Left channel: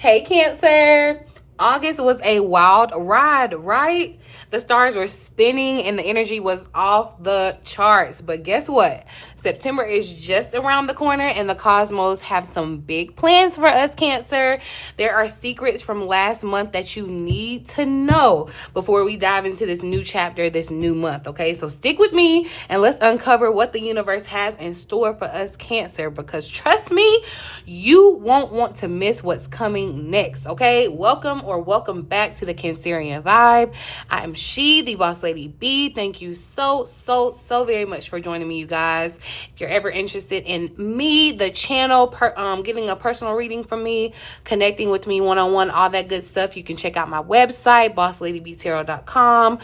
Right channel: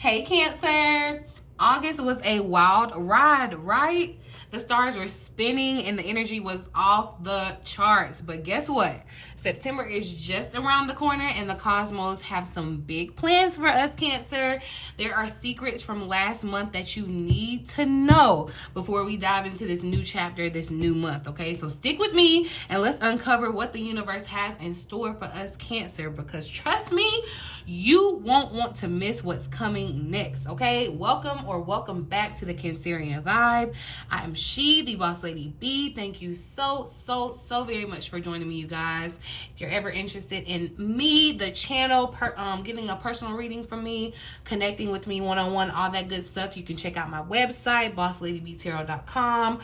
Hey Cancer, August was a wild ride, right? The stars were spinning and the energy was off the charts. But guess what? September is just around the corner and the cosmos have some big plans for us, Cancer. There are secrets from last month that you need to know before we dive into this new chapter, this new month, okay? So stick with me and let's uncover what the universe has in store for us, Cancer, because trust me, you won't want to miss what's coming next, okay? Welcome back to the Cancerian Vibe. I am She, the Boss Lady B. Thank you so very much for joining me, you guys. If you're ever interested in me, the channel, getting a personal reading from me, connecting with me one-on-one, all that good stuff, you can check out my website, bossladybtarot.com,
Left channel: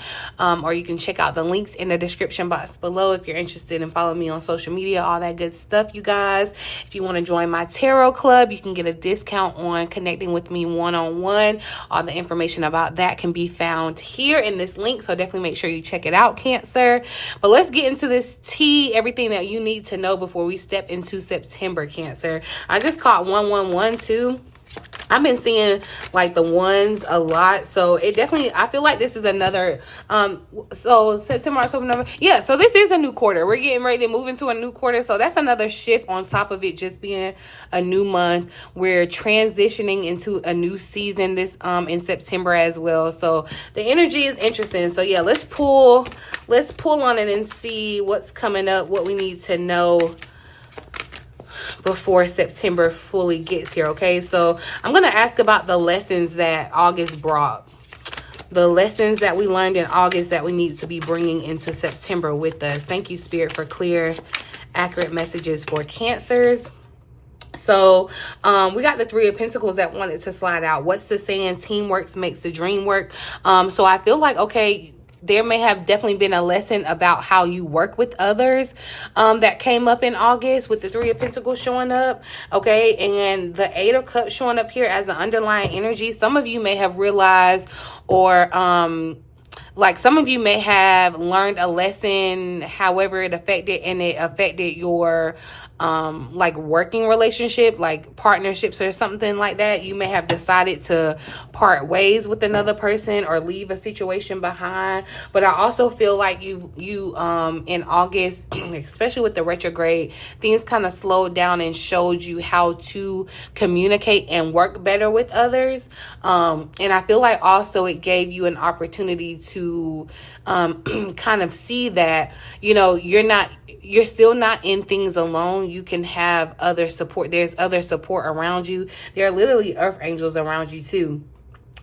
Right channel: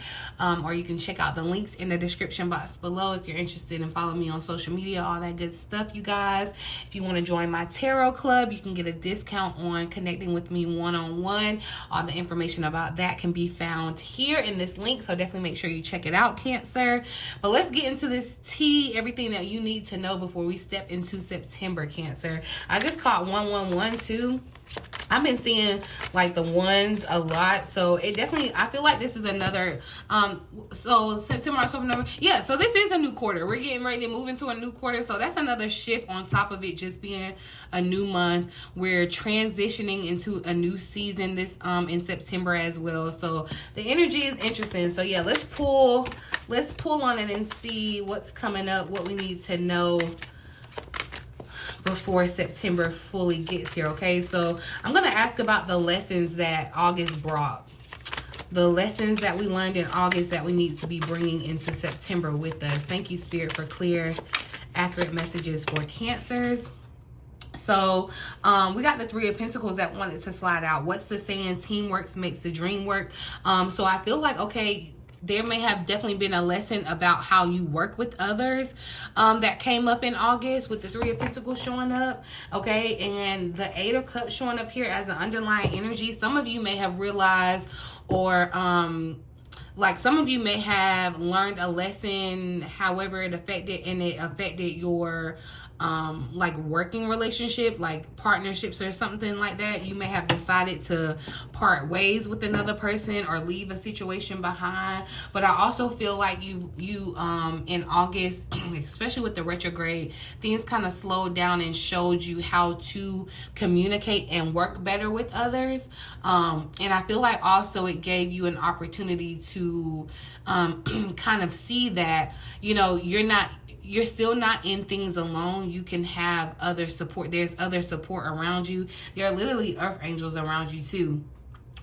or you can check out the links in the description box below if you're interested in following me on social media, all that good stuff, you guys. If you want to join my tarot club, you can get a discount on connecting with me one-on-one. All the information about that can be found here in this link, so definitely make sure you check it out, Cancer. But let's get into this tea, everything that you need to know before we step into September, Cancer. I just caught 111 I've been seeing like the ones a lot, so it definitely, I feel like this is another so September, October, November, yeah, so this is a new quarter. We're getting ready to move into a new quarter, so that's another shift on top of it just being a new month. We're transitioning into a new season this in September as well, so the energy is interesting. So yeah, let's pull on it and see what's coming up, what we need to know before September fully gets here, okay? So I'm going to ask about the lessons that August brought. The lessons that we learned in August that we need to be bringing into September with us. Thank you, Spirit, for clear, accurate messages for Cancers. So we got the Three of Pentacles that wanted to slide out. What's the saying? Teamwork makes the dream work. So I feel like, okay, there may have definitely been a lesson about how you work with others that came up in August with the Three of Pentacles showing up, okay? And the Eight of Cups showing up here as the underlying energy. Some of you may have realized, or like some of you may have learned a lesson, however it affected your like working relationship, like partnerships or something like that. You may have decided to part ways with another person or leave a situation behind. But I also feel like you in August, especially with the retrograde, things kind of slowed down and showed you how to communicate and work better with others. And I feel like also it gave you an opportunity to kind of see that, you know, you're still not in things alone. You can have other support. There's other support around you. There are literally earth angels around you too.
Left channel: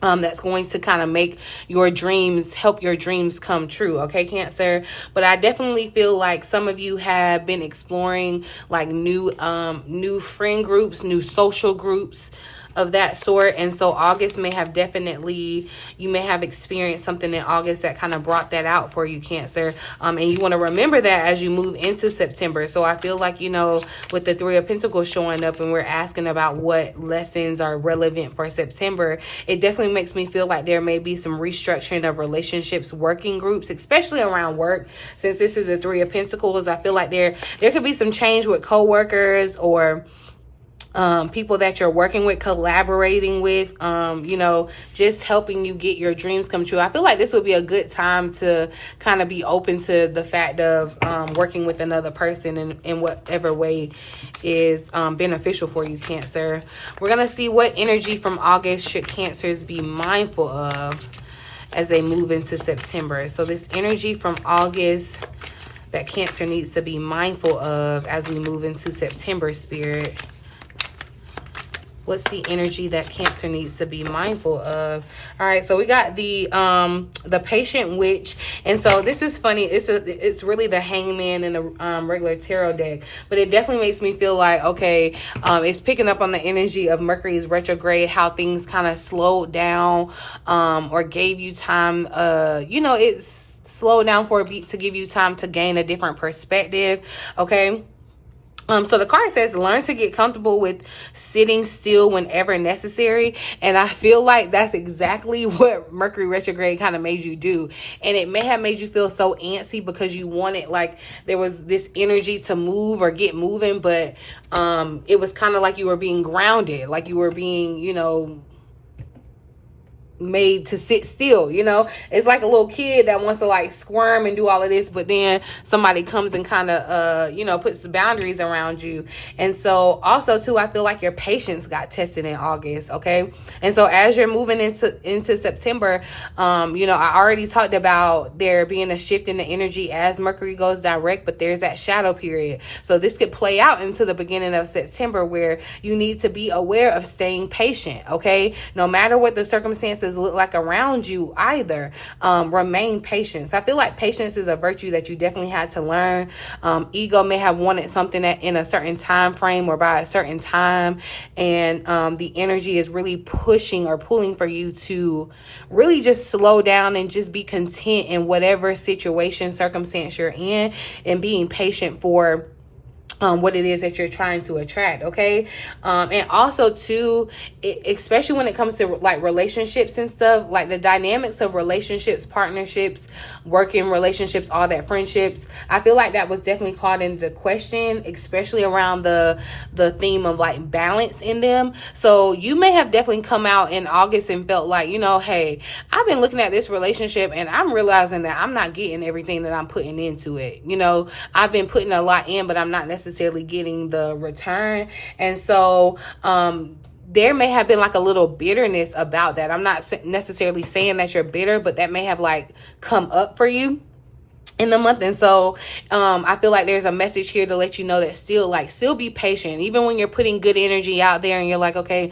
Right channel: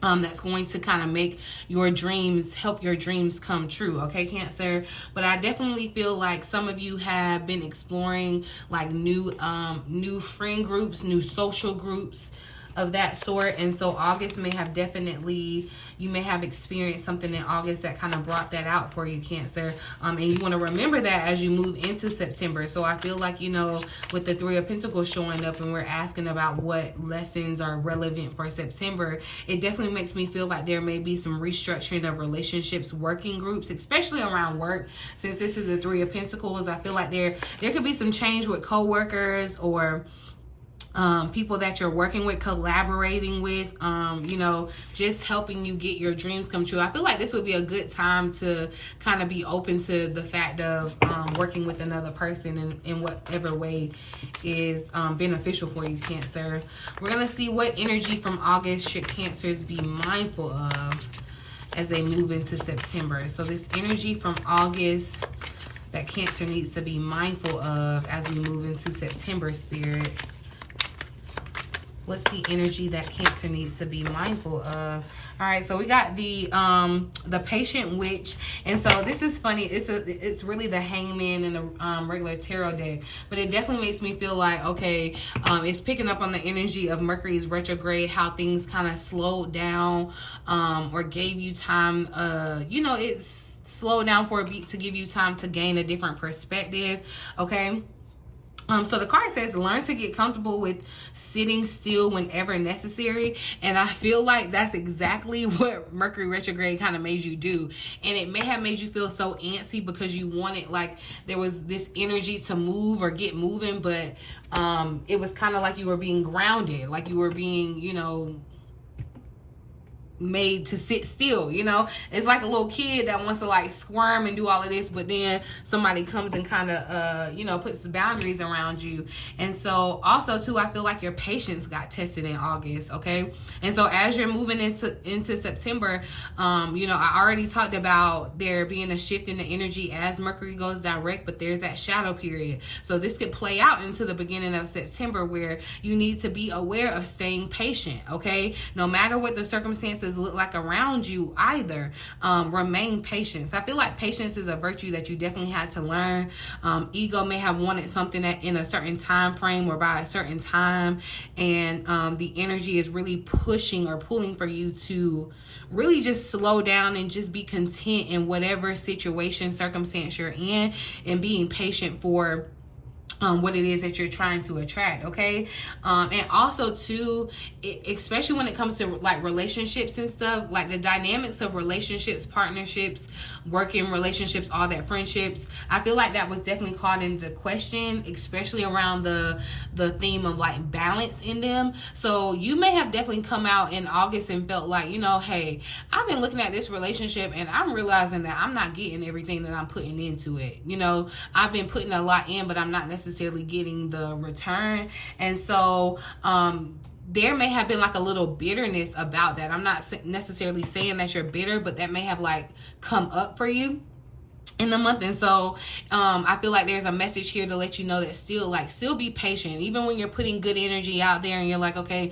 That's going to kind of make your dreams, help your dreams come true, okay, Cancer? But I definitely feel like some of you have been exploring like new friend groups, new social groups of that sort. And so August may have definitely, you may have experienced something in August that kind of brought that out for you, Cancer. And you want to remember that as you move into September. So I feel like, you know, with the Three of Pentacles showing up and we're asking about what lessons are relevant for September, it definitely makes me feel like there may be some restructuring of relationships, working groups, especially around work. Since this is a Three of Pentacles, I feel like there could be some change with coworkers or people that you're working with, collaborating with, you know, just helping you get your dreams come true. I feel like this would be a good time to kind of be open to the fact of working with another person in whatever way is beneficial for you, Cancer. We're going to see what energy from August should Cancers be mindful of as they move into September. So this energy from August that Cancer needs to be mindful of as we move into September, Spirit. What's the energy that Cancer needs to be mindful of? All right, so we got the Patient Witch. And so this is funny. It's really the Hangman in the regular tarot deck. But it definitely makes me feel like, okay, it's picking up on the energy of Mercury's retrograde, how things kind of slowed down or gave you time. You know, it's slowed down for a beat to give you time to gain a different perspective, okay? So the card says, learn to get comfortable with sitting still whenever necessary. And I feel like that's exactly what Mercury retrograde kind of made you do. And it may have made you feel so antsy because you wanted, like, there was this energy to move or get moving, but it was kind of like you were being grounded, like you were being, you know, made to sit still. You know, it's like a little kid that wants to like squirm and do all of this, but then somebody comes and kind of you know, puts the boundaries around you. And so also too, I feel like your patience got tested in August. Okay, and so as you're moving into September, you know, I already talked about there being a shift in the energy as Mercury goes direct, but there's that shadow period. So this could play out into the beginning of September, where you need to be aware of staying patient. Okay, no matter what the circumstances look like around you, either remain patient. I feel like patience is a virtue that you definitely had to learn. Ego may have wanted something that in a certain time frame or by a certain time, and the energy is really pushing or pulling for you to really just slow down and just be content in whatever situation, circumstance you're in, and being patient for what it is that you're trying to attract. Okay, and also too, especially when it comes to like relationships and stuff, like the dynamics of relationships, partnerships, working relationships, all that, friendships, I feel like that was definitely called into question, especially around the theme of like balance in them. So you may have definitely come out in August and felt like, you know, hey, I've been looking at this relationship and I'm realizing that I'm not getting everything that I'm putting into it. You know, I've been putting a lot in, but I'm not necessarily getting the return. And so there may have been like a little bitterness about that. I'm not necessarily saying that you're bitter, but that may have like come up for you in the month. And so I feel like there's a message here to let you know that still be patient, even when you're putting good energy out there and you're like, okay,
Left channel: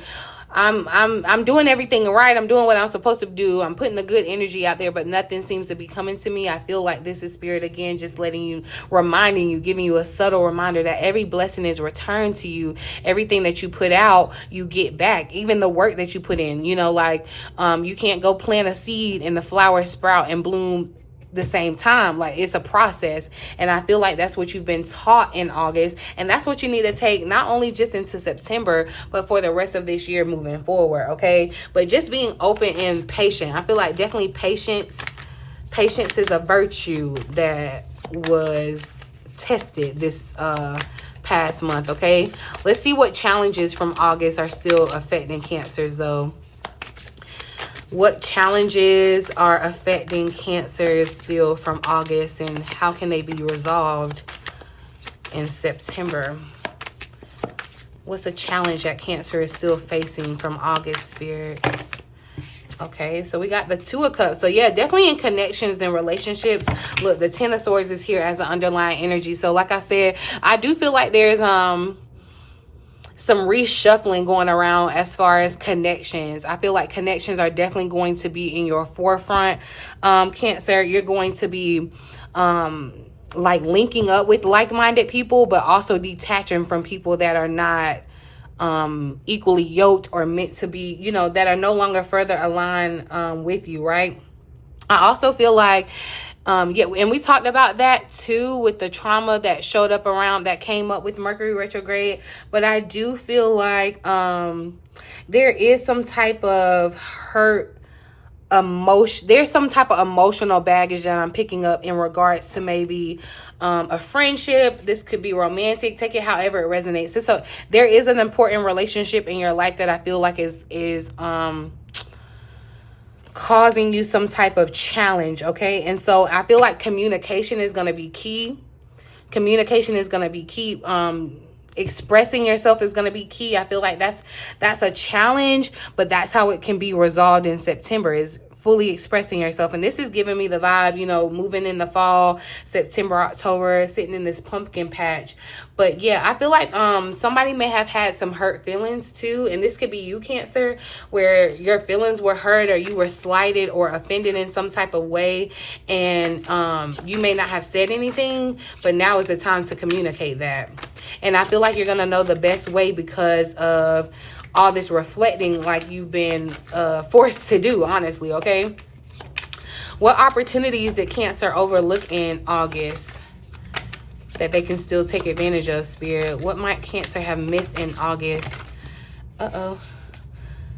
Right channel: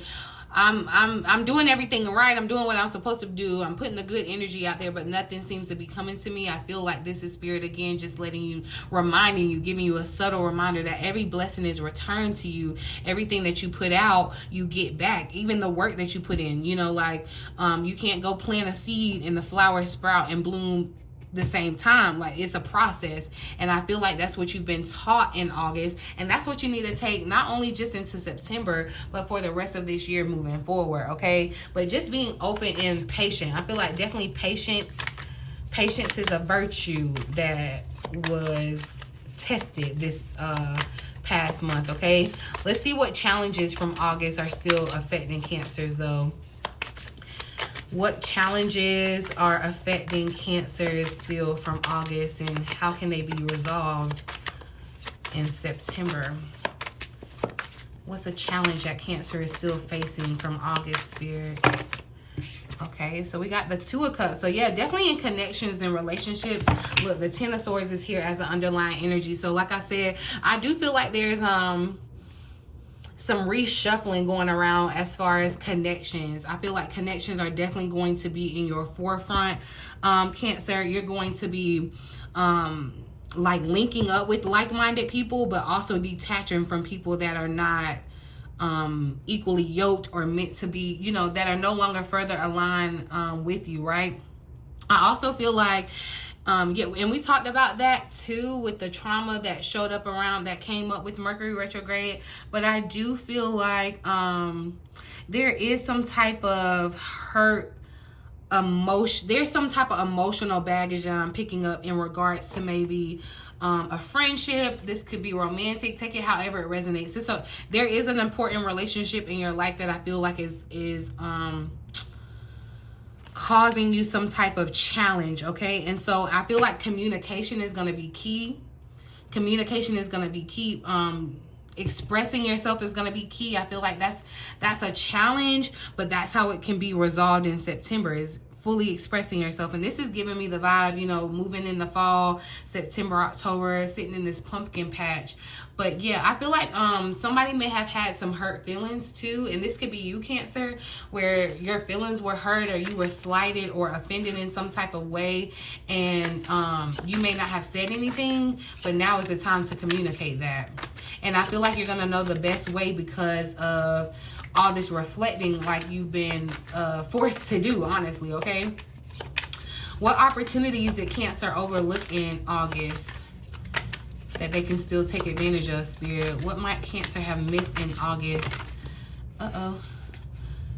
I'm doing everything right. I'm doing what I'm supposed to do. I'm putting the good energy out there, but nothing seems to be coming to me. I feel like this is Spirit again, just letting you, reminding you, giving you a subtle reminder that every blessing is returned to you. Everything that you put out, you get back. Even the work that you put in, you know, like you can't go plant a seed and the flower sprout and bloom the same time. Like, it's a process, and I feel like that's what you've been taught in August, and that's what you need to take not only just into September, but for the rest of this year moving forward. Okay, but just being open and patient. I feel like definitely patience is a virtue that was tested this past month. Okay, let's see what challenges from August are still affecting Cancers though. What challenges are affecting Cancer still from August, and how can they be resolved in September? What's a challenge that Cancer is still facing from August, Spirit? Okay, so we got the Two of Cups. So yeah, definitely in connections and relationships. Look, the Ten of Swords is here as an underlying energy. So like I said, I do feel like there's some reshuffling going around as far as connections. I feel like connections are definitely going to be in your forefront. Cancer, you're going to be like linking up with like-minded people, but also detaching from people that are not equally yoked or meant to be, you know, that are no longer further aligned with you, right? I also feel like yeah, and we talked about that too with the trauma that showed up around, that came up with Mercury retrograde. But I do feel like there is some type of hurt emotion. There's some type of emotional baggage that I'm picking up in regards to maybe a friendship. This could be romantic. Take it however it resonates. So there is an important relationship in your life that I feel like is causing you some type of challenge. Okay, and so I feel like communication is going to be key. Expressing yourself is going to be key. I feel like that's a challenge, but that's how it can be resolved in September, is fully expressing yourself. And this is giving me the vibe, you know, moving in the fall, September, October, sitting in this pumpkin patch. But yeah, I feel like somebody may have had some hurt feelings too, and this could be you, Cancer, where your feelings were hurt or you were slighted or offended in some type of way, and you may not have said anything, but now is the time to communicate that. And I feel like you're gonna know the best way because of all this reflecting like you've been forced to do, honestly. Okay, what opportunities did Cancer overlook in August that they can still take advantage of, Spirit. What might Cancer have missed in August?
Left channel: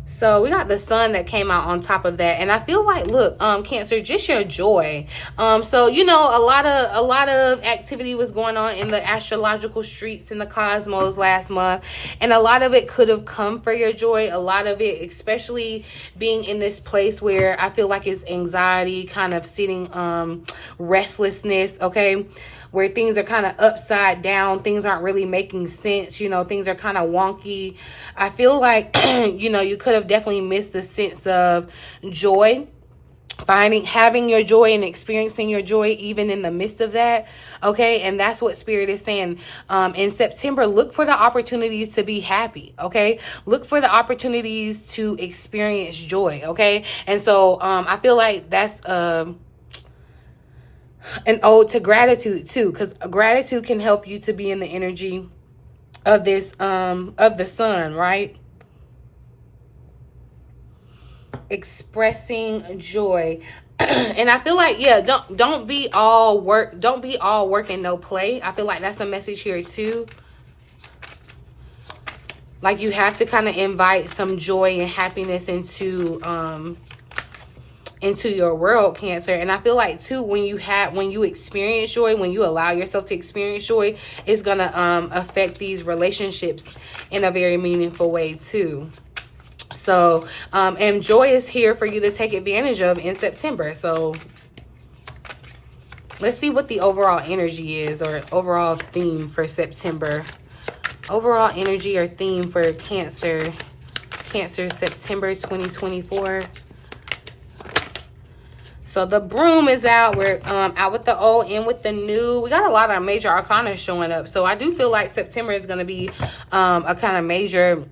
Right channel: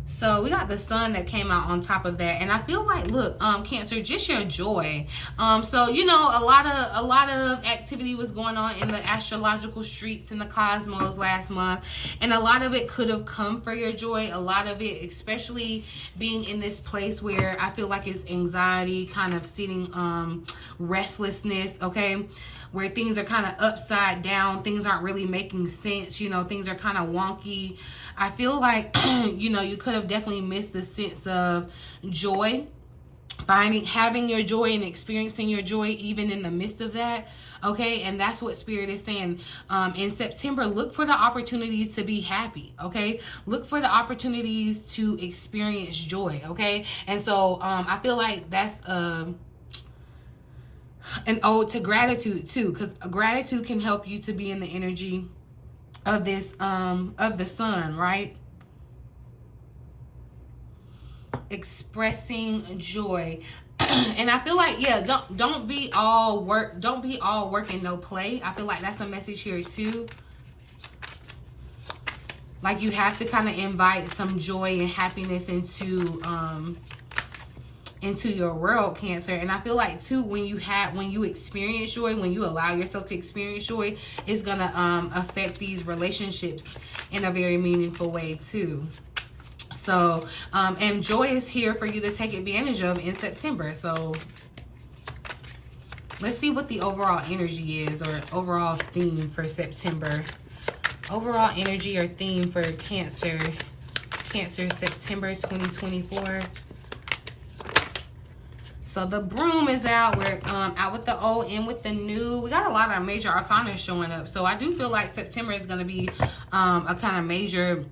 So we got the sun that came out on top of that, and I feel like, look, Cancer, just your joy. So you know, a lot of activity was going on in the astrological streets in the cosmos last month, and a lot of it could have come for your joy. A lot of it, especially being in this place where I feel like it's anxiety, kind of sitting, restlessness, okay, where things are kind of upside down, things aren't really making sense, you know, things are kind of wonky. I feel like, you know, you could have definitely missed the sense of joy, having your joy and experiencing your joy even in the midst of that, okay? And that's what Spirit is saying. In September, look for the opportunities to be happy, okay? Look for the opportunities to experience joy, okay? And so I feel like that's an ode to gratitude too, because gratitude can help you to be in the energy of this of the sun, right? Expressing joy. And I feel like, yeah, don't be all work and no play. I feel like that's a message here too. Like, you have to kind of invite some joy and happiness into your world, Cancer. And I feel like too, when you experience joy, when you allow yourself to experience joy, it's gonna affect these relationships in a very meaningful way too. So and joy is here for you to take advantage of in September. So let's see what the overall energy is, or overall theme for September. Overall energy or theme for Cancer September 2024. So the broom is out. We're out with the old, in with the new. We got a lot of major arcana showing up. So I do feel like September is going to be a kind of major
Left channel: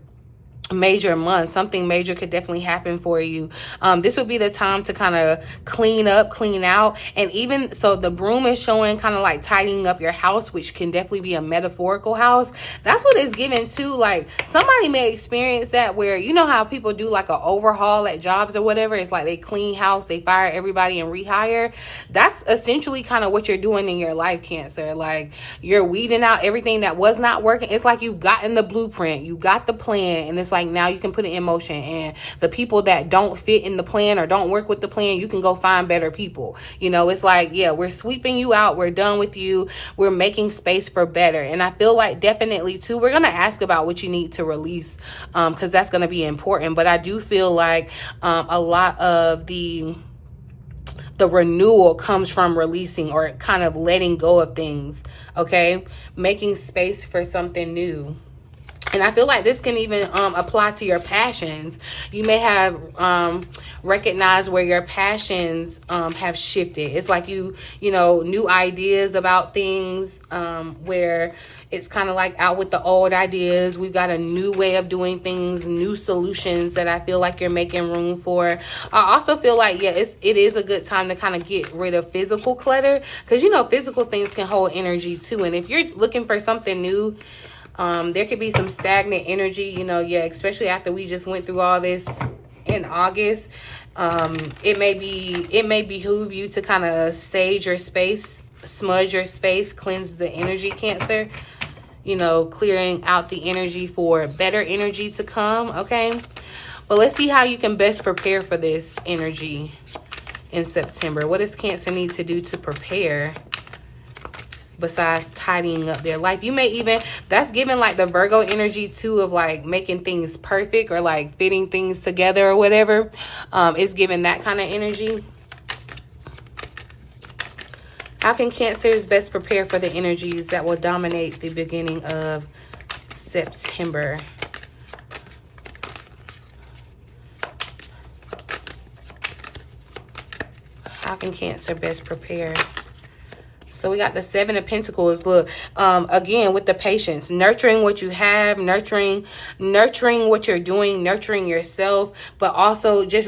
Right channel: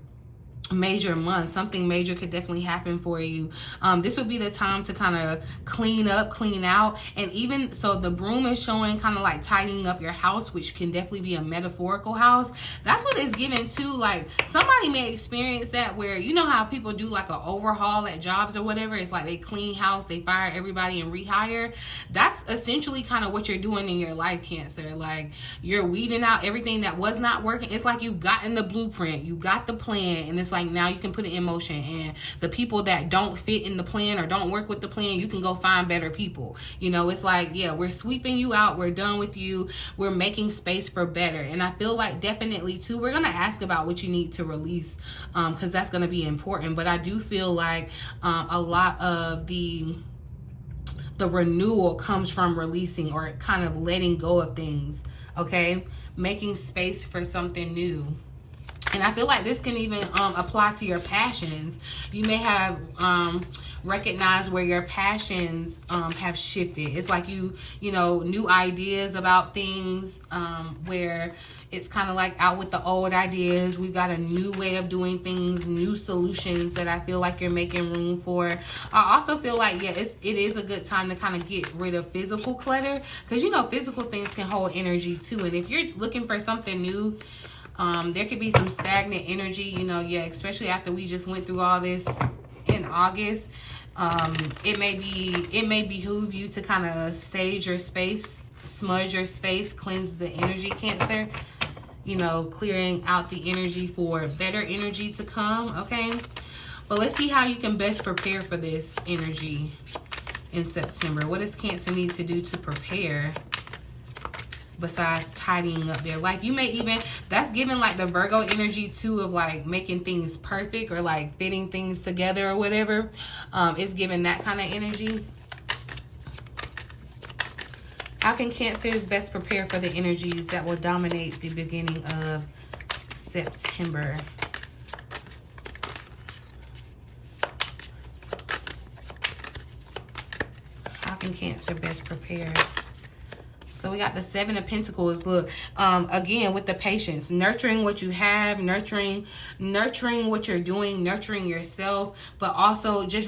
month. Something major could definitely happen for you. This would be the time to kind of clean up, clean out. And even so, the broom is showing kind of like tidying up your house, which can definitely be a metaphorical house. That's what it's given too. Like, somebody may experience that, where, you know how people do like an overhaul at jobs or whatever. It's like they clean house, they fire everybody and rehire. That's essentially kind of what you're doing in your life, Cancer. Like, you're weeding out everything that was not working. It's like you've gotten the blueprint, you got the plan, and it's like, now you can put it in motion. And the people that don't fit in the plan or don't work with the plan, you can go find better people. You know, it's like, yeah, we're sweeping you out, we're done with you, we're making space for better. And I feel like definitely too, we're gonna ask about what you need to release, because that's gonna be important. But I do feel like a lot of the renewal comes from releasing, or kind of letting go of things, okay? Making space for something new. And I feel like this can even apply to your passions. You may have recognized where your passions have shifted. It's like you know, new ideas about things, where it's kind of like out with the old ideas. We've got a new way of doing things, new solutions that I feel like you're making room for. I also feel like, yeah, it is a good time to kind of get rid of physical clutter, because, you know, physical things can hold energy too. And if you're looking for something new, there could be some stagnant energy, you know, yeah, especially after we just went through all this in August. It may behoove you to kind of stage your space, smudge your space, cleanse the energy, Cancer. You know, clearing out the energy for better energy to come, okay? But let's see how you can best prepare for this energy in September. What does Cancer need to do to prepare, besides tidying up their life? You may even, that's giving like the Virgo energy too, of like making things perfect, or like fitting things together or whatever. It's giving that kind of energy. How can Cancers best prepare for the energies that will dominate the beginning of September? How can Cancer best prepare? So we got the Seven of Pentacles. Look, again, with the patience, nurturing what you have, nurturing what you're doing, nurturing yourself, but also just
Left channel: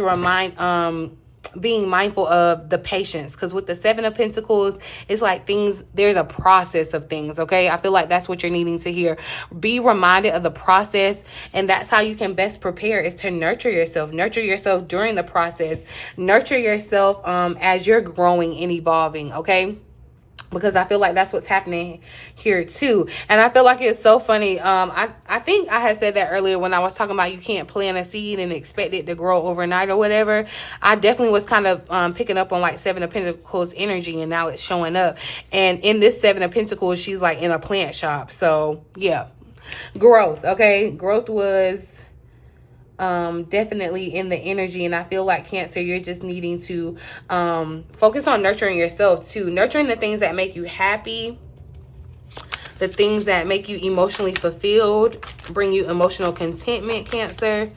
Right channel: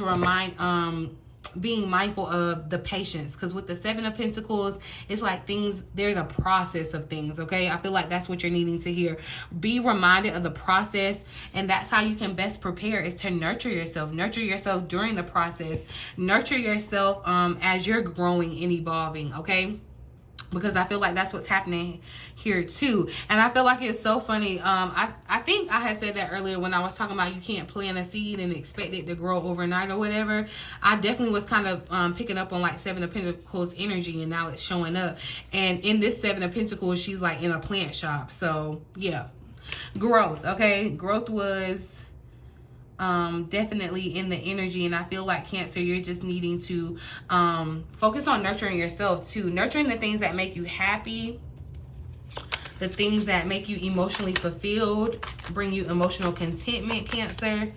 being mindful of the patience. Because with the Seven of Pentacles, it's like there's a process of things, okay? I feel like that's what you're needing to hear. Be reminded of the process, and that's how you can best prepare, is to nurture yourself. Nurture yourself during the process. Nurture yourself as you're growing and evolving, okay? because I feel like that's what's happening here too. And I feel like it's so funny. I think I had said that earlier when I was talking about you can't plant a seed and expect it to grow overnight or whatever. I definitely was kind of picking up on like Seven of Pentacles energy, and now it's showing up. And in this Seven of Pentacles, she's like in a plant shop. So yeah, growth. Okay, growth was definitely in the energy. And I feel like Cancer, you're just needing to focus on nurturing yourself too, nurturing the things that make you happy, the things that make you emotionally fulfilled, bring you emotional contentment, Cancer.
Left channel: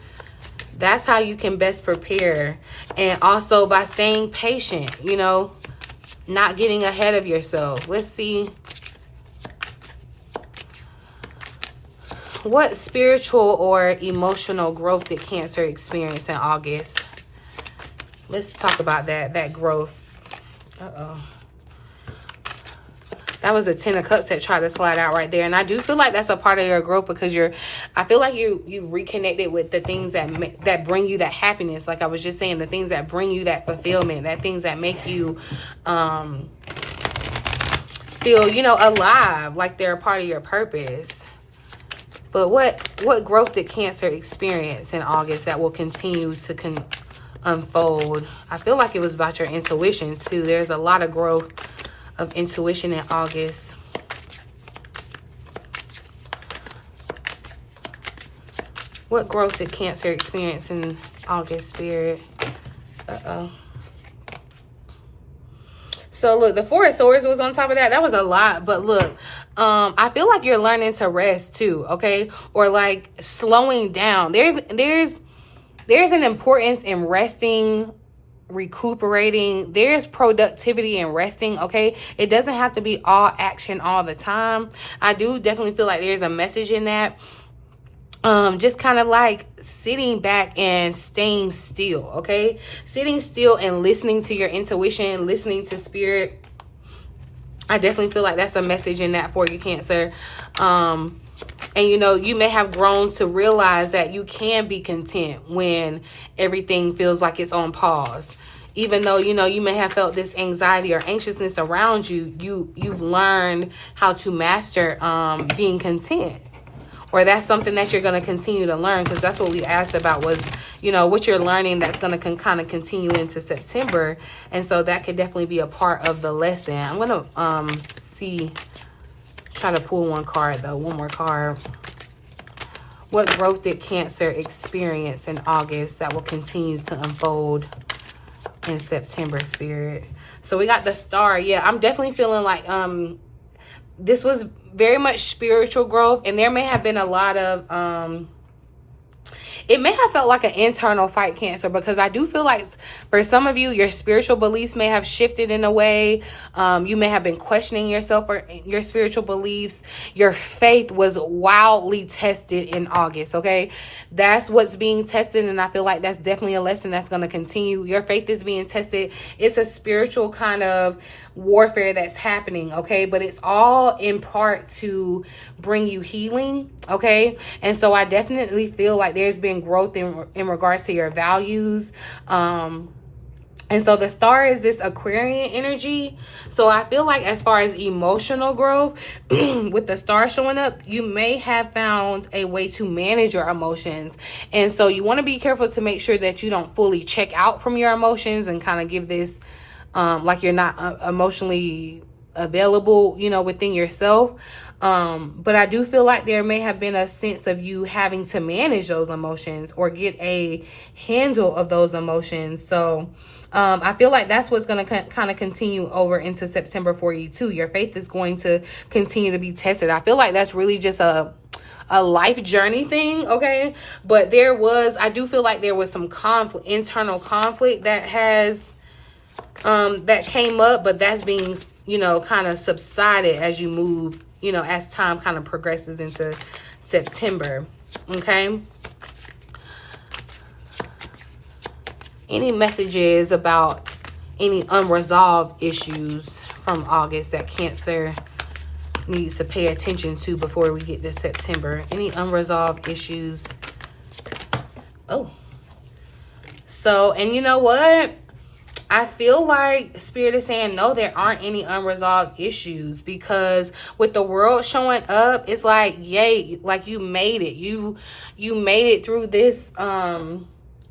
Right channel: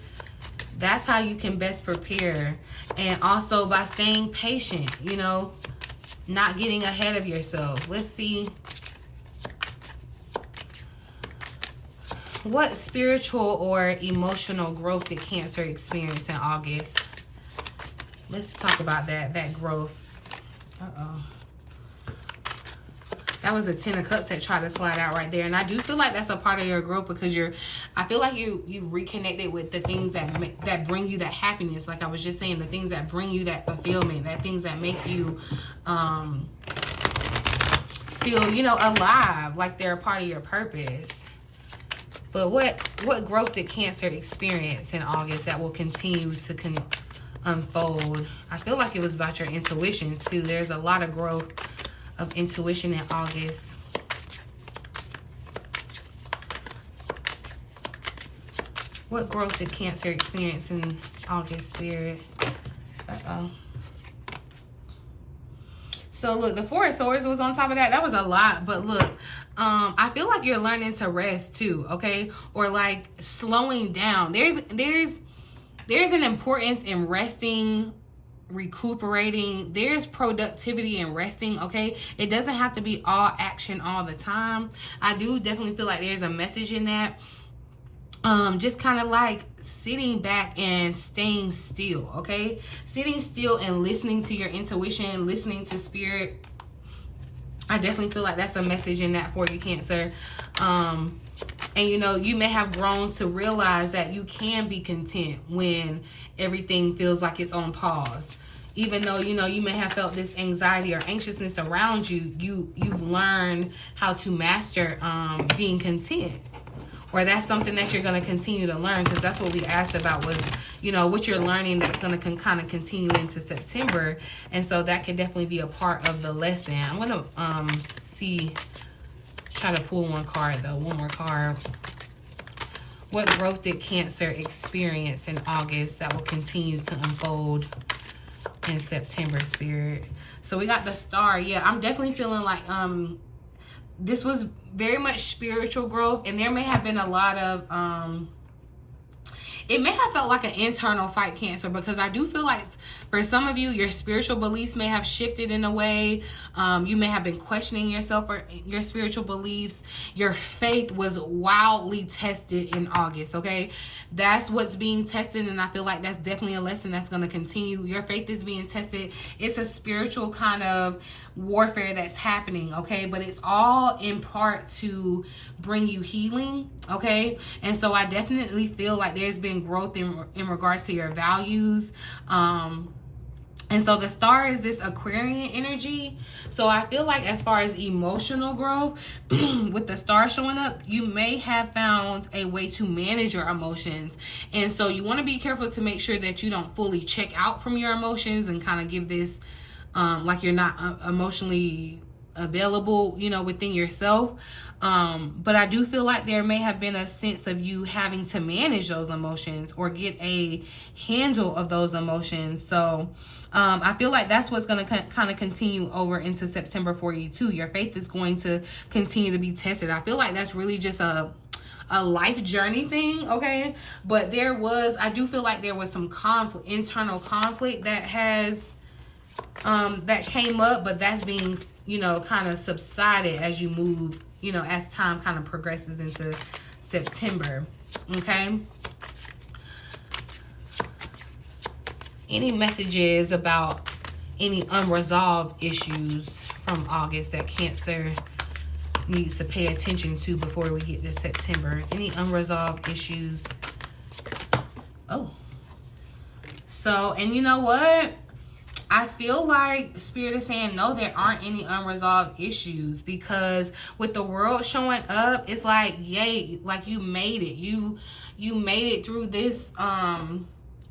That's how you can best prepare. And also by staying patient, you know, not getting ahead of yourself. Let's see. What spiritual or emotional growth did Cancer experience in August? Let's talk about that growth. Uh-oh. That was a Ten of Cups that tried to slide out right there. And I do feel like that's a part of your growth, because I feel like you reconnected with the things that bring you that happiness. Like I was just saying, the things that bring you that fulfillment, that things that make you feel, you know, alive, like they're a part of your purpose. But what growth did Cancer experience in August that will continue to unfold? I feel like it was about your intuition too. There's a lot of growth of intuition in August. What growth did Cancer experience in August, Spirit? Uh-oh. So look, the Four of Swords was on top of that. That was a lot. But look, I feel like you're learning to rest too, okay? Or like slowing down. There's an importance in resting, recuperating. There's productivity in resting, okay? It doesn't have to be all action all the time. I do definitely feel like there's a message in that. Just kind of like sitting back and staying still, okay? Sitting still and listening to your intuition, listening to spirit. I definitely feel like that's a message in that for you, Cancer. And, you know, you may have grown to realize that you can be content when everything feels like it's on pause. Even though, you know, you may have felt this anxiety or anxiousness around you, you've learned how to master being content. Or that's something that you're going to continue to learn, because that's what we asked about was, you know, what you're learning that's going to kind of continue into September. And so that could definitely be a part of the lesson. I'm going to try to pull one card though, one more card. What growth did Cancer experience in August that will continue to unfold in September, Spirit? So we got the Star. Yeah, I'm definitely feeling like this was very much spiritual growth, and there may have been a lot of it may have felt like an internal fight, Cancer, because I do feel like for some of you, your spiritual beliefs may have shifted in a way. You may have been questioning yourself or your spiritual beliefs. Your faith was wildly tested in August, okay? That's what's being tested, and I feel like that's definitely a lesson that's going to continue. Your faith is being tested. It's a spiritual kind of warfare that's happening, okay? But it's all in part to bring you healing, okay? And so I definitely feel like there's been growth in regards to your values. And so the Star is this Aquarian energy. So I feel like as far as emotional growth, with the Star showing up, you may have found a way to manage your emotions. And so you want to be careful to make sure that you don't fully check out from your emotions and kind of give this like you're not emotionally available, you know, within yourself. But I do feel like there may have been a sense of you having to manage those emotions or get a handle of those emotions. So I feel like that's what's going to kind of continue over into September for you too. Your faith is going to continue to be tested. I feel like that's really just a life journey thing, okay? But I do feel like there was some conflict, internal conflict that has that came up, but that's being, you know, kind of subsided as you move, you know, as time kind of progresses into September, okay? Any messages about any unresolved issues from August that Cancer needs to pay attention to before we get to September? Any unresolved issues? Oh. So, and you know what? I feel like Spirit is saying, no, there aren't any unresolved issues, because with the world showing up, it's like, yay, like you made it. You made it through this,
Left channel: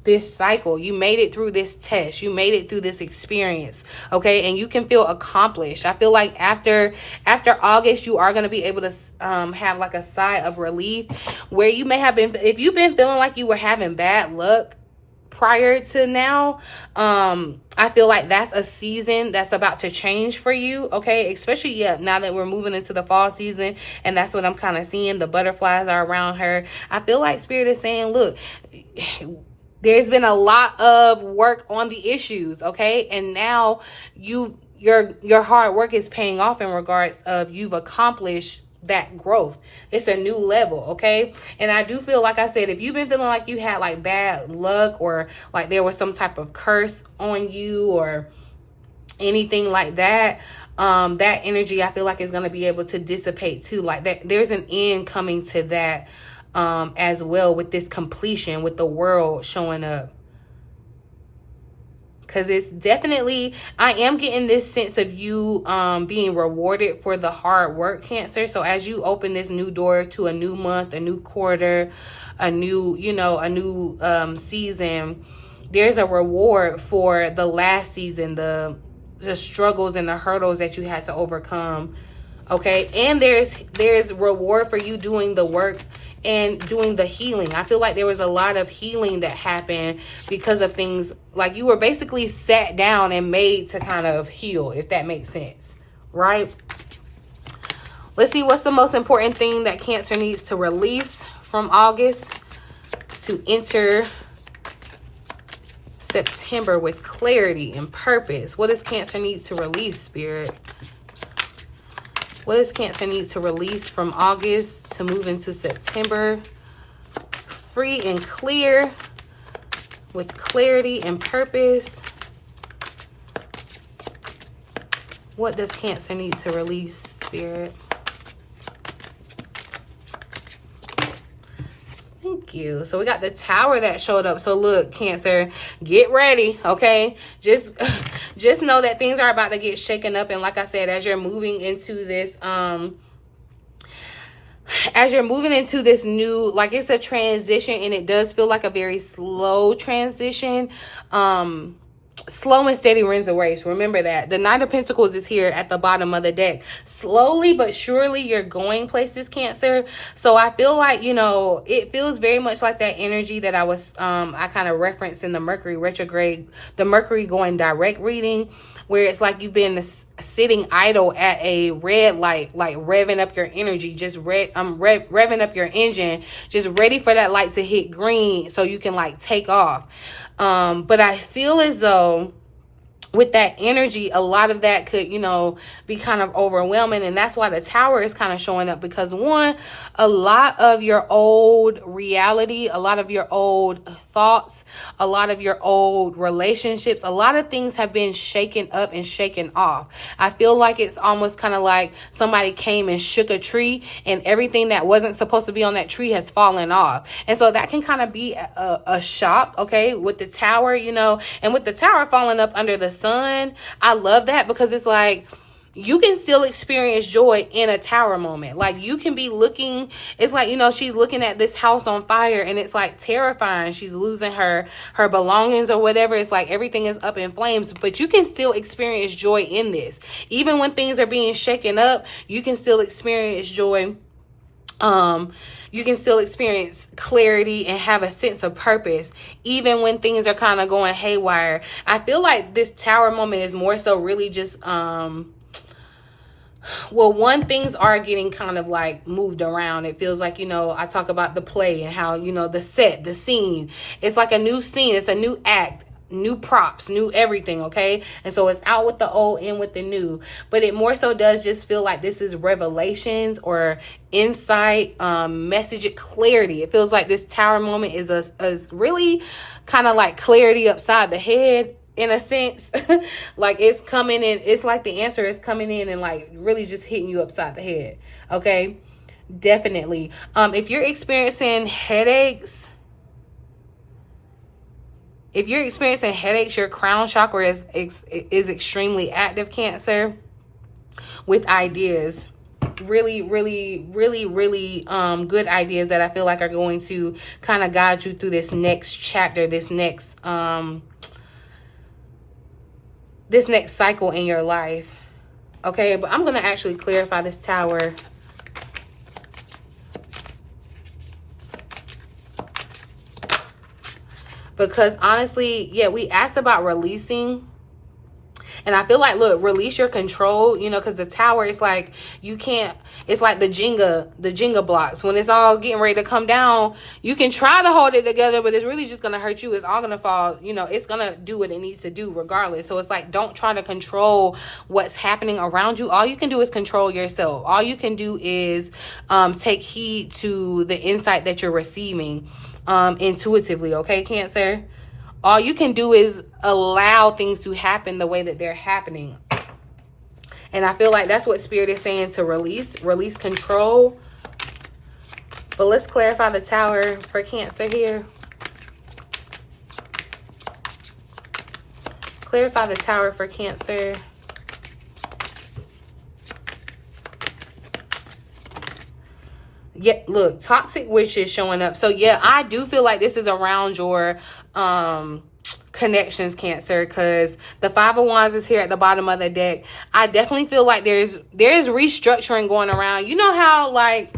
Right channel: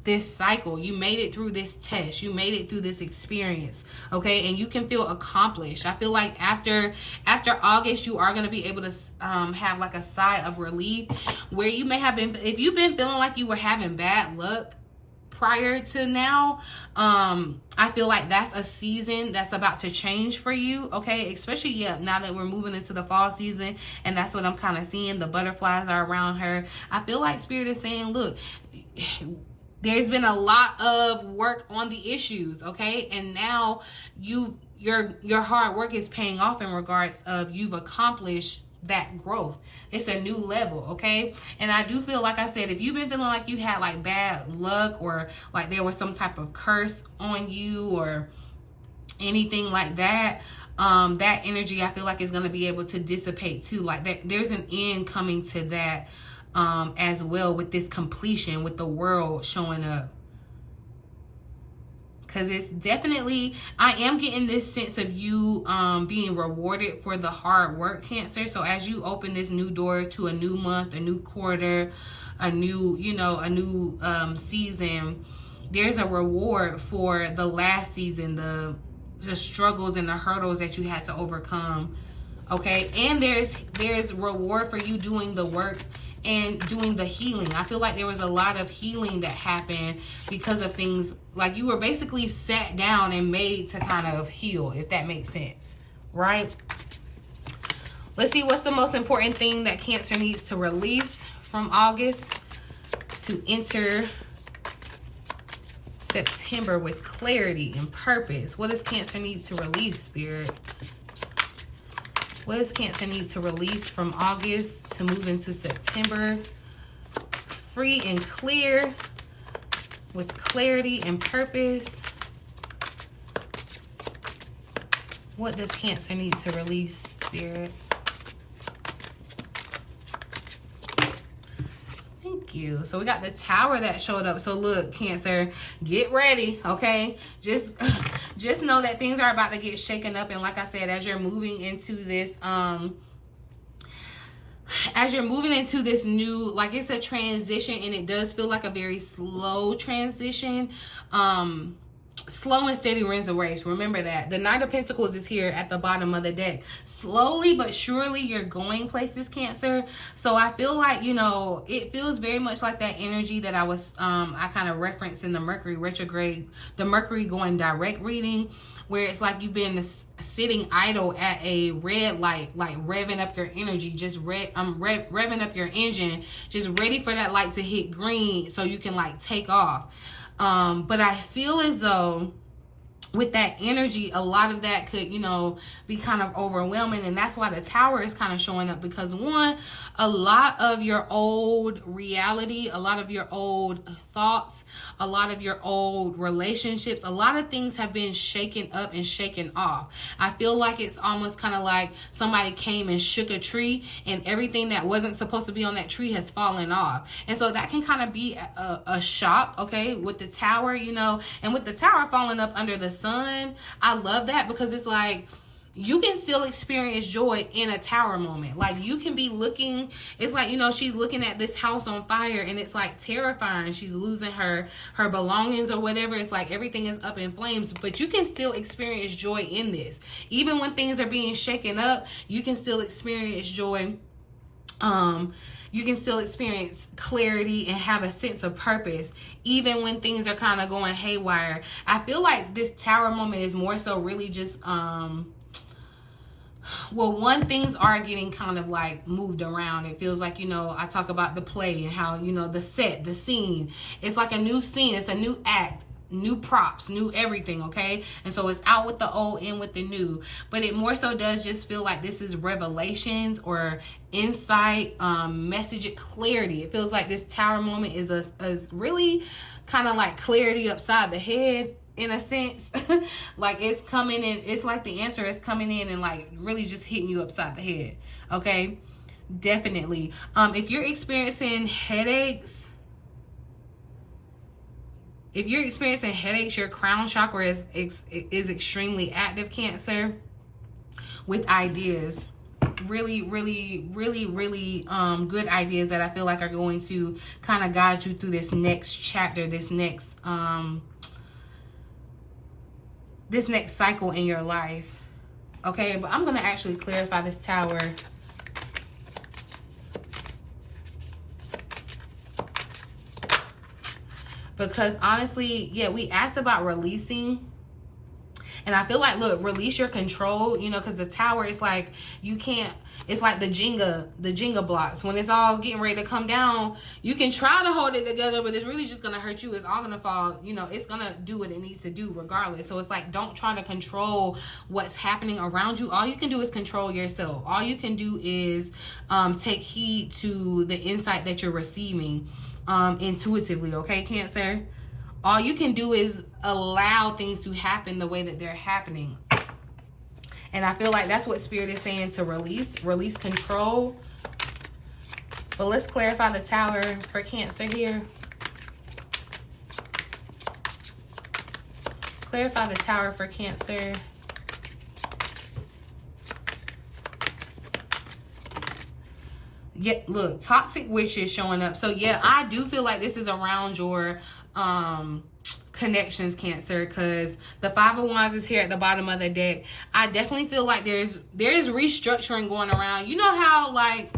this cycle. You made it through this test. You made it through this experience. Okay. And you can feel accomplished. I feel like after August, you are going to be able to have like a sigh of relief, where you may have been, if you've been feeling like you were having bad luck prior to now, I feel like that's a season that's about to change for you. Okay, especially now that we're moving into the fall season, and that's what I'm kind of seeing. The butterflies are around her. I feel like Spirit is saying, look, there's been a lot of work on the issues, okay, and now your hard work is paying off in regards of you've accomplished that growth. It's a new level, okay? And I do feel, like I said, if you've been feeling like you had like bad luck, or like there was some type of curse on you or anything like that, that energy, I feel like is going to be able to dissipate too. Like that, there's an end coming to that as well, with this completion, with the world showing up. Because it's definitely, I am getting this sense of you being rewarded for the hard work, Cancer. So as you open this new door to a new month, a new quarter, a new, a new season, there's a reward for the last season, the struggles and the hurdles that you had to overcome. Okay. And there's reward for you doing the work and doing the healing. I feel like there was a lot of healing that happened because of things, like you were basically sat down and made to kind of heal, if that makes sense, right? Let's see what's the most important thing that Cancer needs to release from August to enter September with clarity and purpose. What does Cancer need to release, Spirit? What does Cancer need to release from August to move into September? Free and clear with clarity and purpose. What does Cancer need to release, Spirit? Thank you. So we got the Tower that showed up. So look, Cancer, get ready, okay? Just know that things are about to get shaken up. And like I said, as you're moving into this, new, like, it's a transition, and it does feel like a very slow transition. Slow and steady wins the race. Remember that. The Knight of Pentacles is here at the bottom of the deck. Slowly but surely you're going places, Cancer. So I feel like, it feels very much like that energy that I kind of referenced in the Mercury retrograde, the Mercury going direct reading, where it's like you've been sitting idle at a red light, like revving up your energy, just revving up your engine, just ready for that light to hit green so you can like take off. But I feel as though with that energy, a lot of that could, be kind of overwhelming. And that's why the Tower is kind of showing up, because one, a lot of your old reality, a lot of your old thoughts, a lot of your old relationships, a lot of things have been shaken up and shaken off. I feel like it's almost kind of like somebody came and shook a tree, and everything that wasn't supposed to be on that tree has fallen off. And so that can kind of be a shock, okay, with the Tower, and with the Tower falling up under the sun. I love that, because it's like you can still experience joy in a Tower moment. Like you can be looking, it's like, she's looking at this house on fire, and it's like terrifying. She's losing her belongings or whatever. It's like everything is up in flames, but you can still experience joy in this. Even when things are being shaken up, you can still experience joy. You can still experience clarity and have a sense of purpose, even when things are kind of going haywire. I feel like this Tower moment is more so really just, things are getting kind of like moved around. It feels like, I talk about the play and how, the set, the scene, it's like a new scene. It's a new act. New props, new everything, okay? And so it's out with the old, in with the new. But it more so does just feel like this is revelations or insight, message, clarity. It feels like this Tower moment is a really kind of like clarity upside the head, in a sense. Like it's coming in, it's like the answer is coming in and like really just hitting you upside the head, okay? Definitely. If you're experiencing headaches, If you're experiencing headaches, your crown chakra is extremely active, Cancer, with ideas. Really good ideas that I feel like are going to kind of guide you through this next chapter, this next cycle in your life. Okay, but I'm going to actually clarify this Tower. Because honestly, yeah, we asked about releasing. And I feel like, look, release your control, you know, because the Tower is like, you can't, it's like the Jenga blocks. When it's all getting ready to come down, you can try to hold it together, but it's really just going to hurt you. It's all going to fall, you know, it's going to do what it needs to do regardless. So it's like, don't try to control what's happening around you. All you can do is control yourself. All you can do is take heed to the insight that you're receiving intuitively, okay, Cancer? All you can do is allow things to happen the way that they're happening. And I feel like that's what Spirit is saying, to release control. But let's clarify the Tower for Cancer here. Clarify the Tower for Cancer. Yeah, look, toxic witch is showing up. So yeah, I do feel like this is around your connections, Cancer, because the Five of Wands is here at the bottom of the deck. I definitely feel like there's restructuring going around. You know how like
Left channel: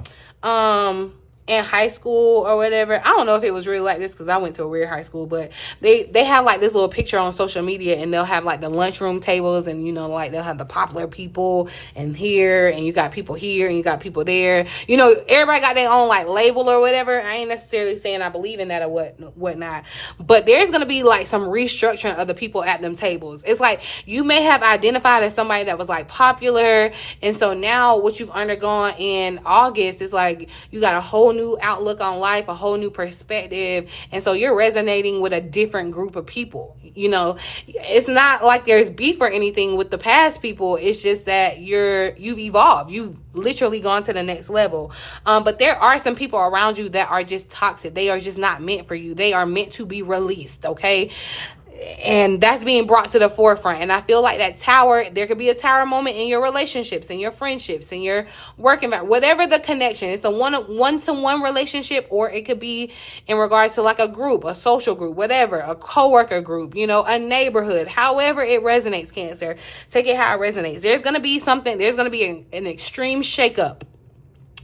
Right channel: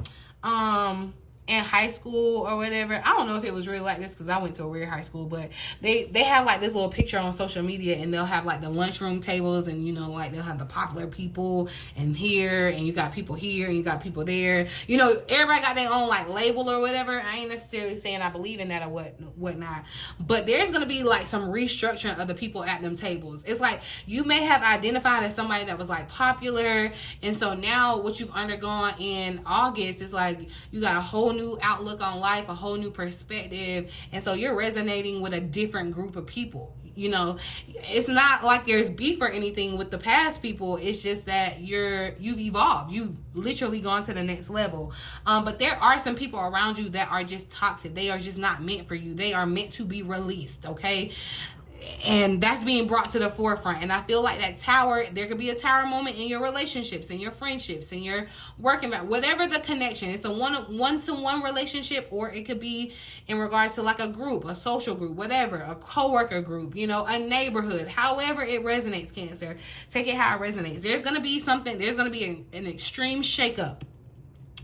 in high school or whatever, I don't know if it was really like this because I went to a weird high school, but they have like this little picture on social media, and they'll have like the lunchroom tables, and you know, like they'll have the popular people and here, and you got people here and you got people there, you know, everybody got their own like label or whatever. I ain't necessarily saying I believe in that or whatnot, but there's gonna be like some restructuring of the people at them tables. It's like you may have identified as somebody that was like popular, and so now what you've undergone in August is like you got a whole new outlook on life, a whole new perspective, and so you're resonating with a different group of people. You know, it's not like there's beef or anything with the past people. It's just that you've evolved. You've literally gone to the next level. But there are some people around you that are just toxic. They are just not meant for you. They are meant to be released, okay? And that's being brought to the forefront. And I feel like that Tower, there could be a Tower moment in your relationships, in your friendships, in your work environment, whatever the connection. It's a one-to-one relationship, or it could be in regards to like a group, a social group, whatever, a coworker group, you know, a neighborhood, however it resonates, Cancer. Take it how it resonates. There's going to be something, there's going to be an extreme shakeup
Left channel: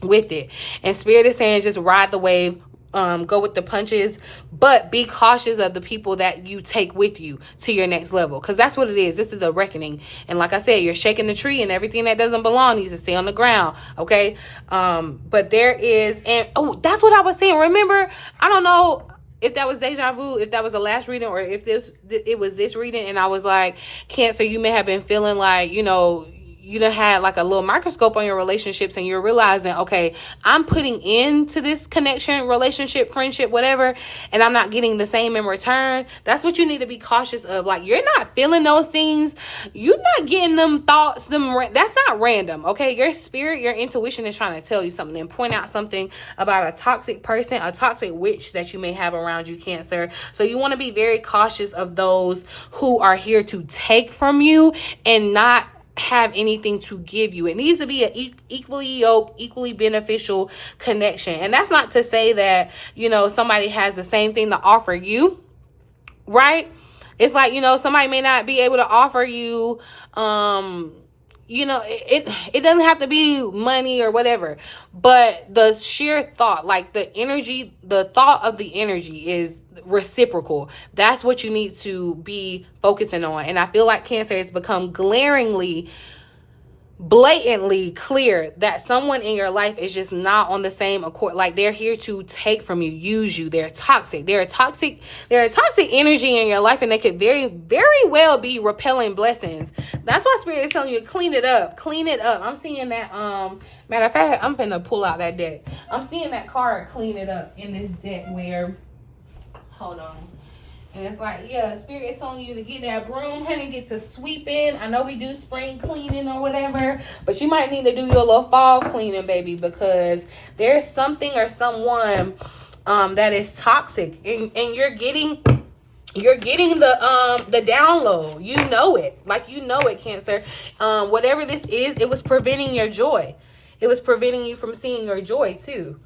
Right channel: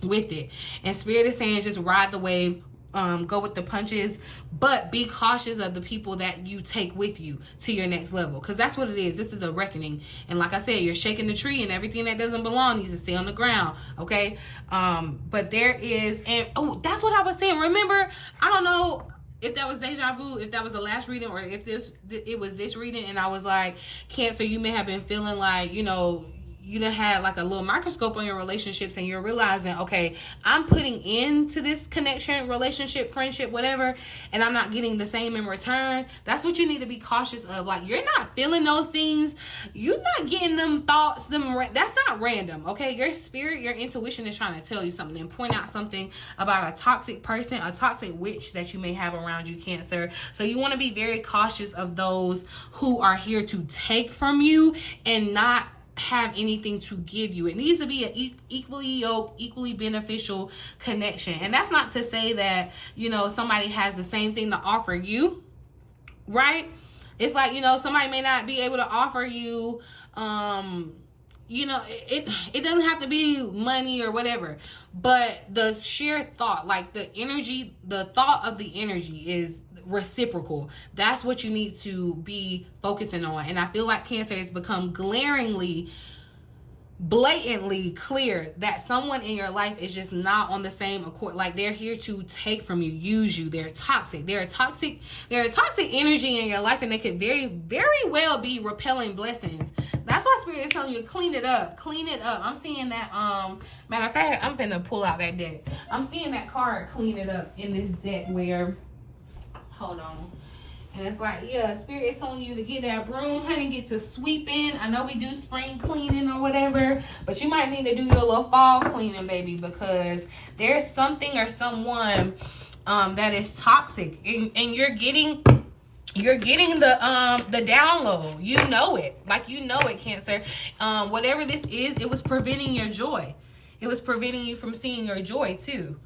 with it. And Spirit is saying just ride the wave. Go with the punches, but be cautious of the people that you take with you to your next level, because that's what it is. This is a reckoning, and like I said, you're shaking the tree, and everything that doesn't belong needs to stay on the ground, okay? But there is, and oh, that's what I was saying. Remember, I don't know if that was deja vu, if that was the last reading, or if it was this reading, and I was like, Cancer, you may have been feeling like, you know, you done had like a little microscope on your relationships, and you're realizing, okay, I'm putting into this connection, relationship, friendship, whatever, and I'm not getting the same in return. That's what you need to be cautious of. Like, you're not feeling those things. You're not getting them thoughts. That's not random, okay? Your spirit, your intuition is trying to tell you something and point out something about a toxic person, a toxic witch that you may have around you, Cancer. So you want to be very cautious of those who are here to take from you and not have anything to give you. It needs to be an equally yoked, equally beneficial connection. And that's not to say that, you know, somebody has the same thing to offer you, right? It's like, you know, somebody may not be able to offer you, you know, it doesn't have to be money or whatever, but the sheer thought, like the energy, the thought of the energy is reciprocal. That's what you need to be focusing on. And I feel like Cancer has become glaringly, blatantly clear that someone in your life is just not on the same accord. Like, they're here to take from you, use you. They're toxic. They're a toxic energy in your life, and they could very, very well be repelling blessings. That's why Spirit is telling you to clean it up. Clean it up. I'm seeing that, matter of fact, I'm finna pull out that deck. I'm seeing that card, clean it up, in this deck where, hold on. And it's like, yeah, Spirit is telling you to get that broom, honey, get to sweeping. I know we do spring cleaning or whatever, but you might need to do your little fall cleaning, baby, because there's something or someone that is toxic, and you're getting You're getting the download. You know it. Like, you know it, Cancer. Whatever this is, it was preventing your joy. It was preventing you from seeing your joy too.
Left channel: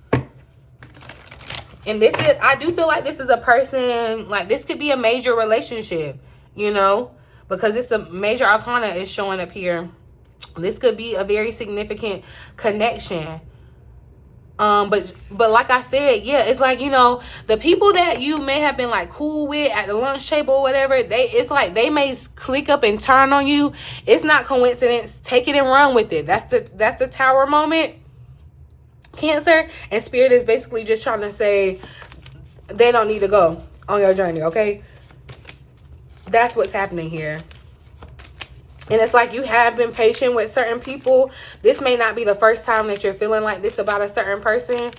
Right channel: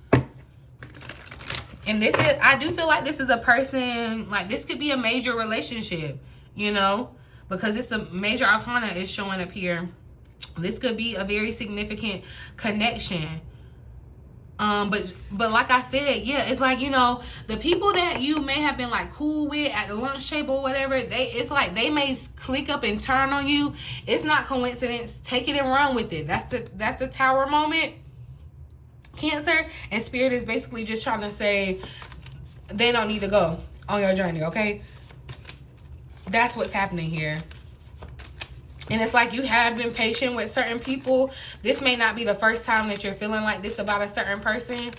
And this is, I do feel like this is a person, like this could be a major relationship, you know, because it's a major arcana is showing up here. This could be a very significant connection. But like I said, yeah, it's like, you know, the people that you may have been like cool with at the lunch table or whatever, it's like they may click up and turn on you. It's not coincidence. Take it and run with it. That's the Tower moment, Cancer. And Spirit is basically just trying to say they don't need to go on your journey, okay? That's what's happening here. And it's like you have been patient with certain people. This may not be the first time that you're feeling like this about a certain person.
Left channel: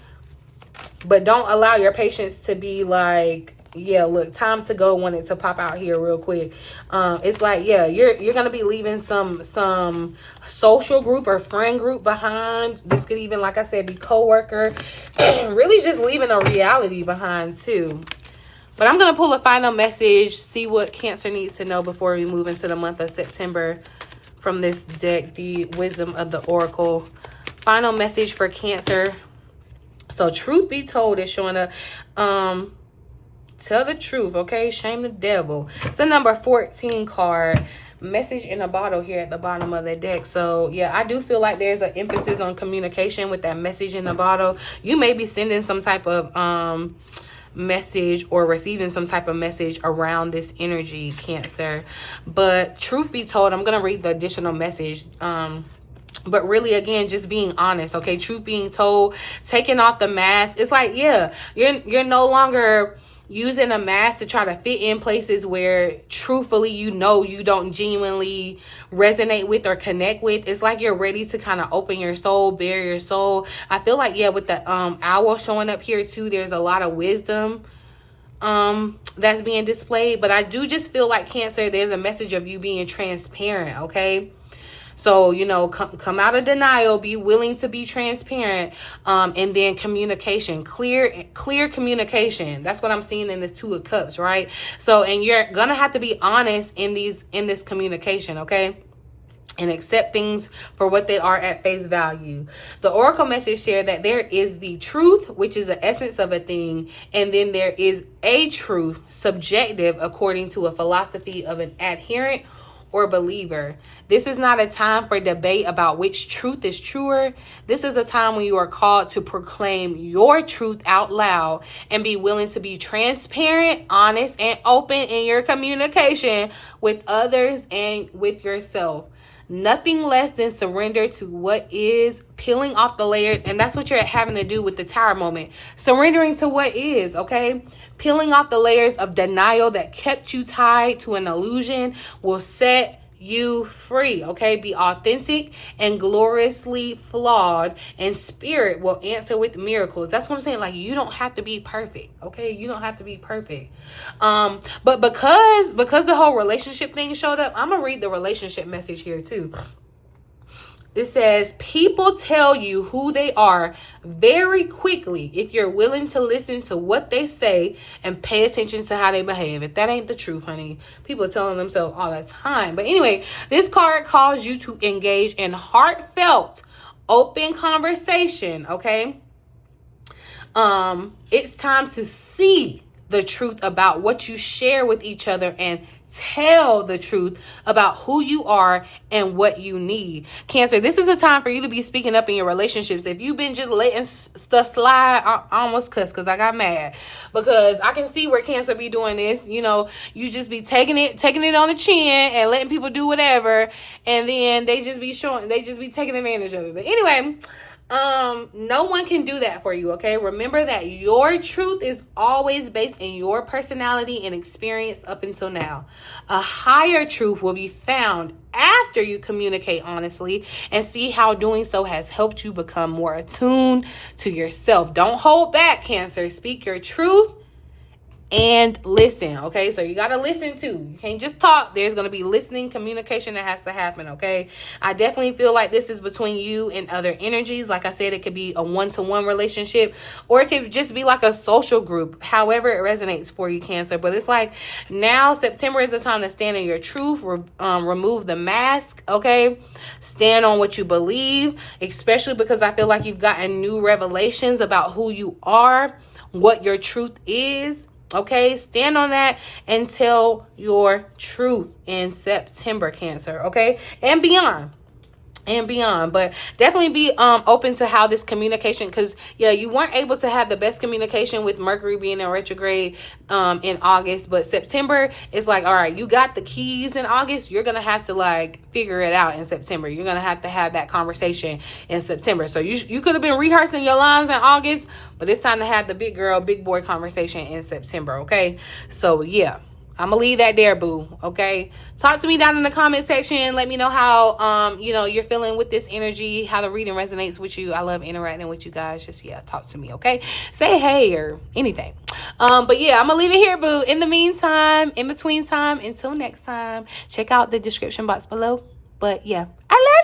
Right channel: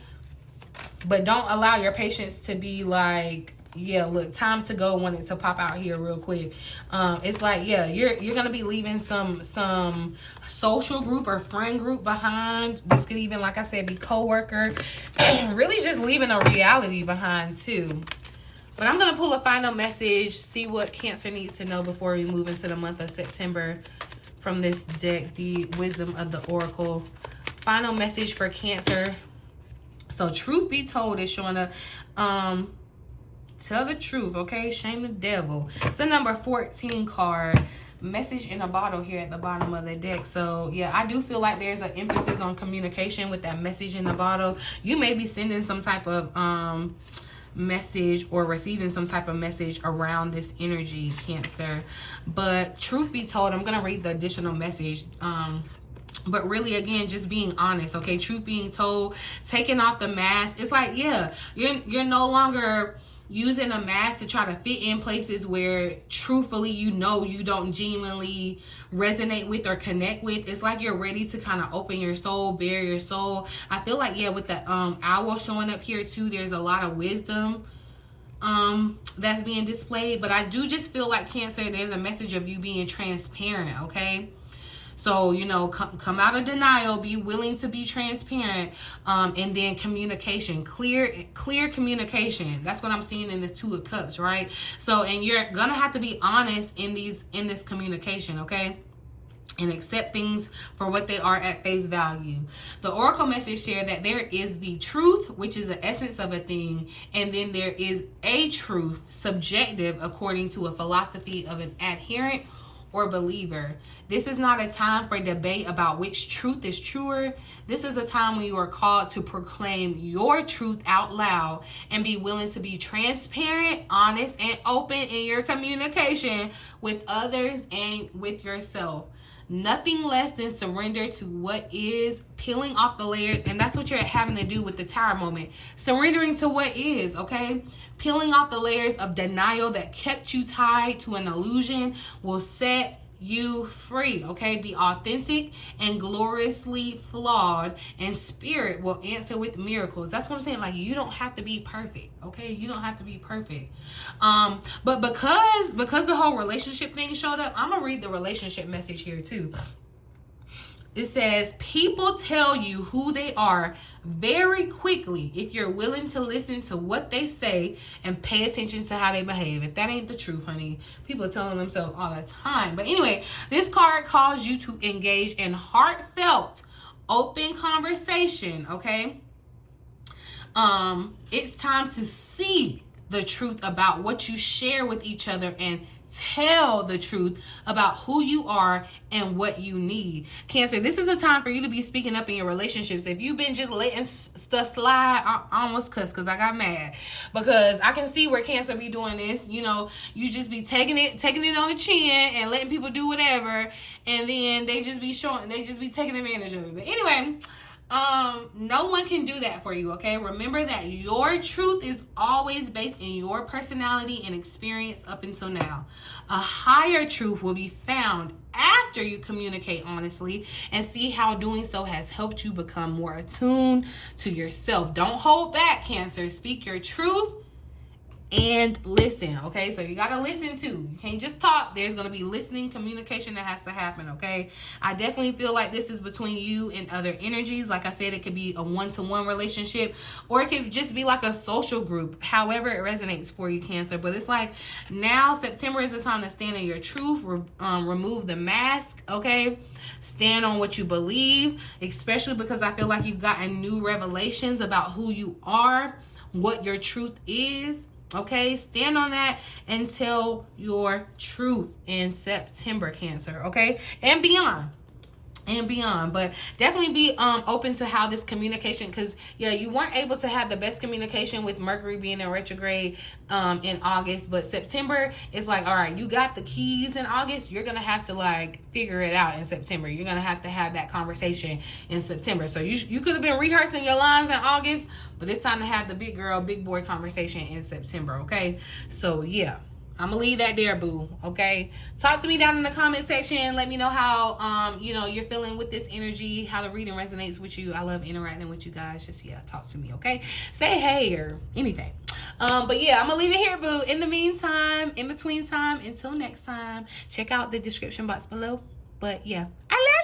But don't allow your patience to be like, yeah, look, time to go, want it to pop out here real quick. It's like, yeah, you're going to be leaving some social group or friend group behind. This could even, like I said, be coworker. And really just leaving a reality behind too. But I'm going to pull a final message, see what Cancer needs to know before we move into the month of September from this deck, the Wisdom of the Oracle. Final message for Cancer. So truth be told is showing up. Tell the truth, okay? Shame the devil. It's a number 14 card. Message in a bottle here at the bottom of the deck. So yeah, I do feel like there's an emphasis on communication with that message in the bottle. You may be sending some type of message or receiving some type of message around this energy, Cancer. But truth be told, I'm gonna read the additional message. But really, again, just being honest, okay? Truth being told, taking off the mask. It's like, yeah, you're no longer using a mask to try to fit in places where truthfully you know you don't genuinely resonate with or connect with. It's like you're ready to kind of open your soul, bare your soul. I feel like, yeah, with the owl showing up here too, there's a lot of wisdom that's being displayed. But I do just feel like, Cancer, there's a message of you being transparent, okay? So, you know, come out of denial, be willing to be transparent, and then communication, clear communication. That's what I'm seeing in the Two of Cups, right? So, and you're gonna have to be honest in this communication, okay? And accept things for what they are at face value. The Oracle message shared that there is the truth, which is the essence of a thing, and then there is a truth, subjective, according to a philosophy of an adherent or believer. This is not a time for debate about which truth is truer. This is a time when you are called to proclaim your truth out loud and be willing to be transparent, honest, and open in your communication with others and with yourself. Nothing less than surrender to what is, peeling off the layers. And that's what you're having to do with the Tower moment. Surrendering to what is, okay? Peeling off the layers of denial that kept you tied to an illusion will set you free, okay? Be authentic and gloriously flawed, and Spirit will answer with miracles. That's what I'm saying. Like, you don't have to be perfect, okay? You don't have to be perfect. But because the whole relationship thing showed up, I'm gonna read the relationship message here too. It says, people tell you who they are very quickly if you're willing to listen to what they say and pay attention to how they behave. If that ain't the truth, honey, people are telling themselves all the time. But anyway, this card calls you to engage in heartfelt, open conversation, okay? It's time to see the truth about what you share with each other and tell the truth about who you are and what you need. Cancer, this is a time for you to be speaking up in your relationships. If you've been just letting stuff slide, I almost cussed because I got mad, because I can see where Cancer be doing this. You know, you just be taking it on the chin and letting people do whatever, and then they just be taking advantage of it. But anyway, no one can do that for you, okay? Remember that your truth is always based in your personality and experience up until now. A higher truth will be found after you communicate honestly and see how doing so has helped you become more attuned to yourself. Don't hold back, Cancer. Speak your truth and listen, okay? So you got to listen too. You can't just talk. There's going to be listening, communication that has to happen, okay? I definitely feel like this is between you and other energies. Like I said, it could be a one-to-one relationship, or it could just be like a social group, however it resonates for you, Cancer. But it's like now September is the time to stand in your truth, remove the mask, okay? Stand on what you believe, especially because I feel like you've gotten new revelations about who you are, what your truth is. Okay, stand on that and tell your truth in September, Cancer, okay? And beyond. But definitely be open to how this communication, because yeah, you weren't able to have the best communication with Mercury being in retrograde in August, but September is like, all right, you got the keys in August, you're gonna have to like figure it out in September. You're gonna have to have that conversation in September. So you could have been rehearsing your lines in August, but it's time to have the big girl, big boy conversation in September, okay? So yeah, I'm gonna leave that there, boo. Okay, talk to me down in the comment section. Let me know how you know, you're feeling with this energy, how the reading resonates with you. I love interacting with you guys. Just yeah, talk to me. Okay, say hey or anything. But yeah, I'm gonna leave it here, boo. In the meantime, in between time, until next time, check out the description box below. But yeah, I love